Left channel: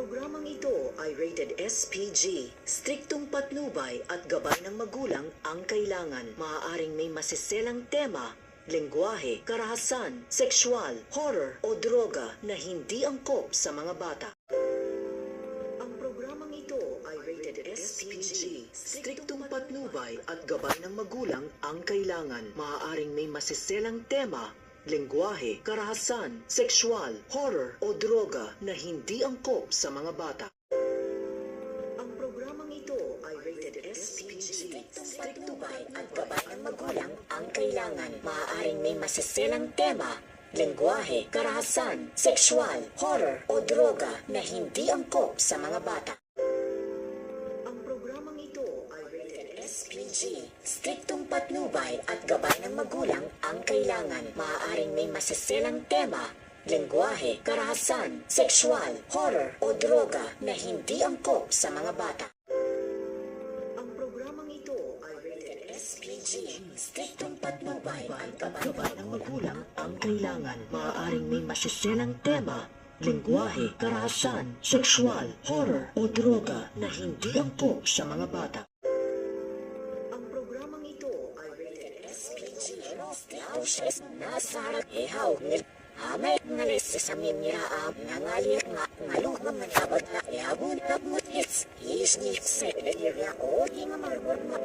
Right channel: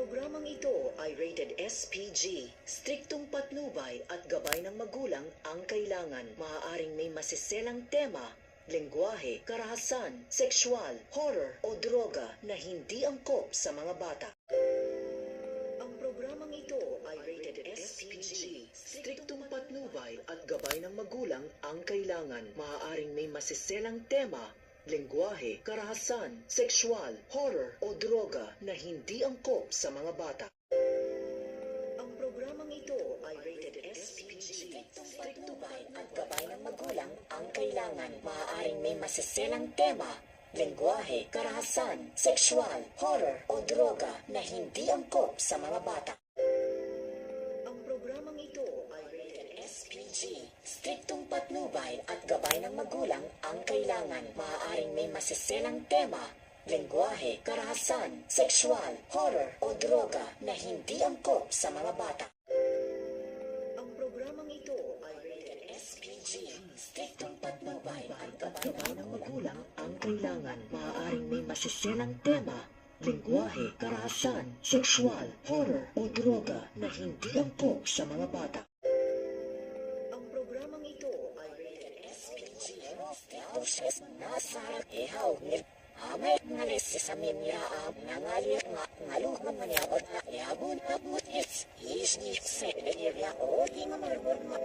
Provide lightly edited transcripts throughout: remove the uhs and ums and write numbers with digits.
Programang ito ay rated SPG. Striktong patnubay at gabay ng magulang ang kailangan. Maaaring may masiselang tema, lengguwahe, karahasan, sexual, horror o droga na hindi angkop sa mga bata. Ang programang ito ay rated SPG. Striktong patnubay at gabay ng magulang ang kailangan. Maaaring may masiselang tema, lengguwahe, karahasan, sexual, horror o droga na hindi angkop sa mga bata. Ang programang ito ay rated SPG. Striktubay at gabay ng magulang ang kailangan. Maaaring may masiselang tema, lengguwahe, karahasan, sexual, horror o droga na hindi angkop sa mga bata. Ang programang ito ay rated SPG. Striktong patnubay at gabay ng magulang ang kailangan. Maaaring may masiselang tema, lengguwahe, karahasan, sexual, horror o droga na hindi angkop sa mga bata. Ang programang ito ay rated SPG. Striktong patnubay at gabay ng magulang ang kailangan. Maaaring may masiselang tema, lengguwahe, karahasan, sexual, horror o droga na hindi angkop sa mga bata. Ang programang ito ay rated SPG. Nasarap ihaw nil Amay ngalis sa minyaab nangalir nga ngaluhang manabad na ihabon na mutits isnik sa nilya o di nga marbor na.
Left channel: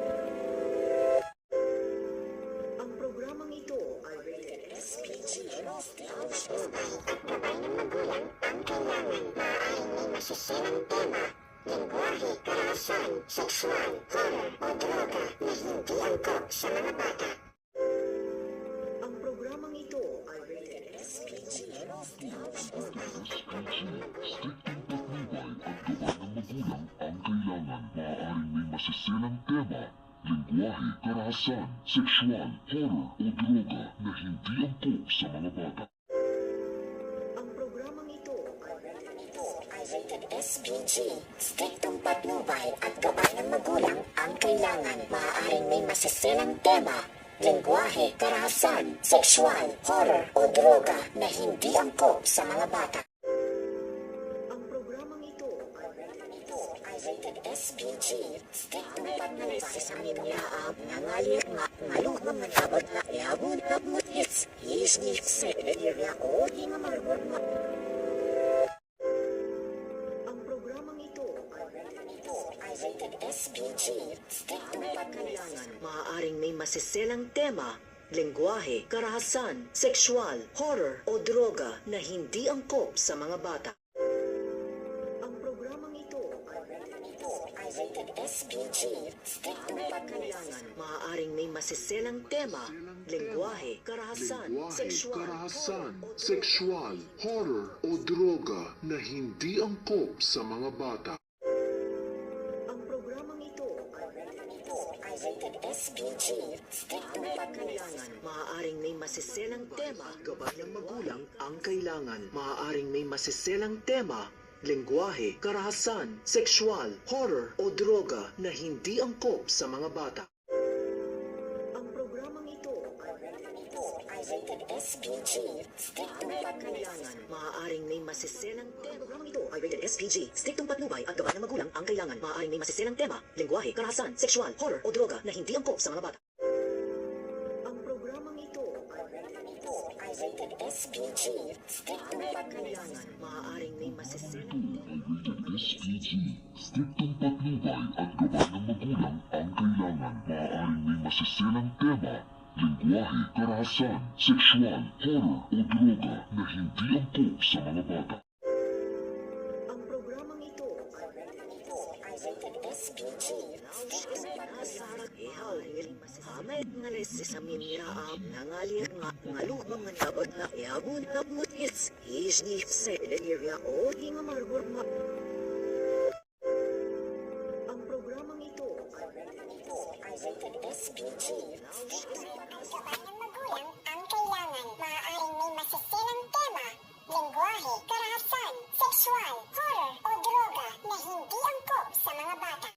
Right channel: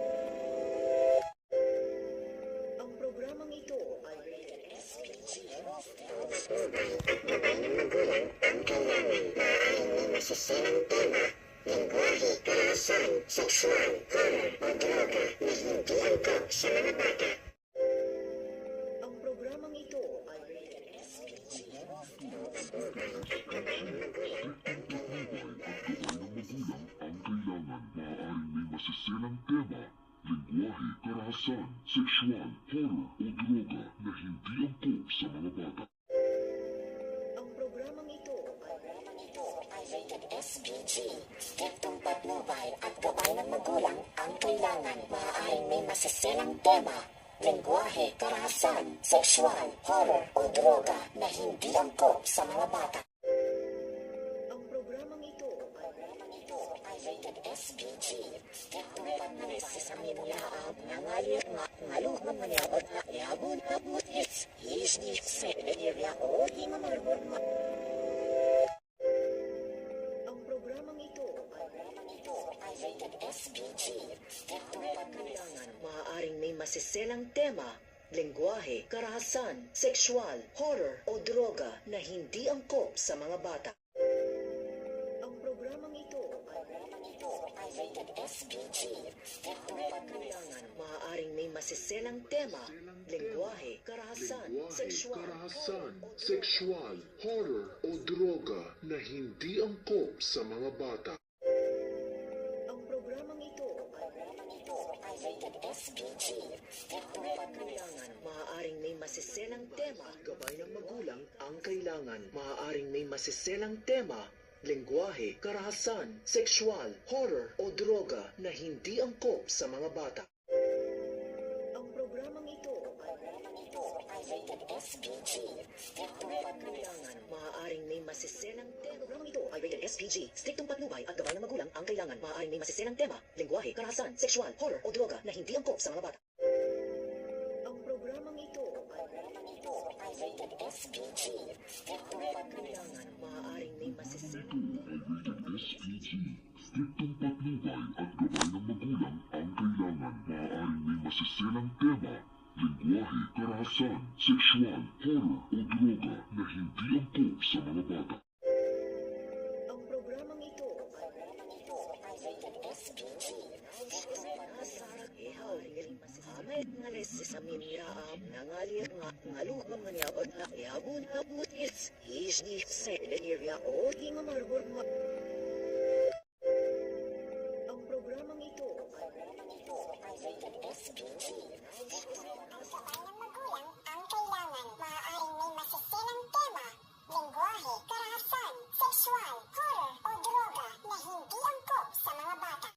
Ang programang ito ay rated SPG. Masiselang tema, lengguwahe, karahasan, sexual, horror o droga na hindi angkop sa mga bata. Ang programang ito ay rated SPG. Maaaring may masiselang tema, lengguwahe, karahasan, sexual, horror o droga na hindi angkop sa mga bata. Ang programang ito ay rated SPG. Striktong patnubay at gabay ng magulang ang kailangan. Maaaring may masiselang tema, lengguwahe, karahasan, sexual, horror o droga na hindi angkop sa mga bata. Ang programang ito ay rated SPG. Striktong patnubay sa minyaab nangalir nga ngaluhang manabad na ihabon na mutits isnik sa nilya o di nga marbor na. Ang programang ito ay rated SPG. Striktong patnubay. Maaaring may masiselang tema, lengguwahe, karahasan, sexual, horror o droga na hindi angkop sa mga bata. Ang programang ito ay rated SPG. Striktong patnubay. Maaaring may masiselang tema, lengguwahe, karahasan, sexual, sexual, horror o droga na hindi angkop sa mga bata. Ang programang ito ay rated SPG. Striktong patnubay. Maaaring may masiselang tema, gabay ng magulang ang kailangan. Maaaring may masiselang tema, lengguwahe, karahasan, sexual, horror o droga na hindi angkop sa mga bata. Ang programang ito ay rated SPG. Striktong patnubay. Maaaring may masiselang tema. Programang ito ay rated SPG. Striktong patnubay at gabay ng magulang ang kailangan. Maaaring may masiselang tema, lengguwahe, karahasan, sexual, horror o droga na hindi angkop sa mga bata. Ang programang ito ay rated SPG. Striktong patnubay. Maaaring may masiselang SPG. Striktong patnubay at gabay ng magulang ang kailangan. Maaaring may masiselang tema, lengguwahe, karahasan, sexual, horror o droga na hindi angkop sa mga bata. Ang programang ito ay rated SPG. Amay ngalis sa minyaab nangalir nga ngaluhang manabad na ihabon na mutits isnik sa nilya o di nga marbor na. Ang programang ito ay rated SPG. Gabay ng magulang ang kailangan. Maaaring may masiselang tema, lengguwahe,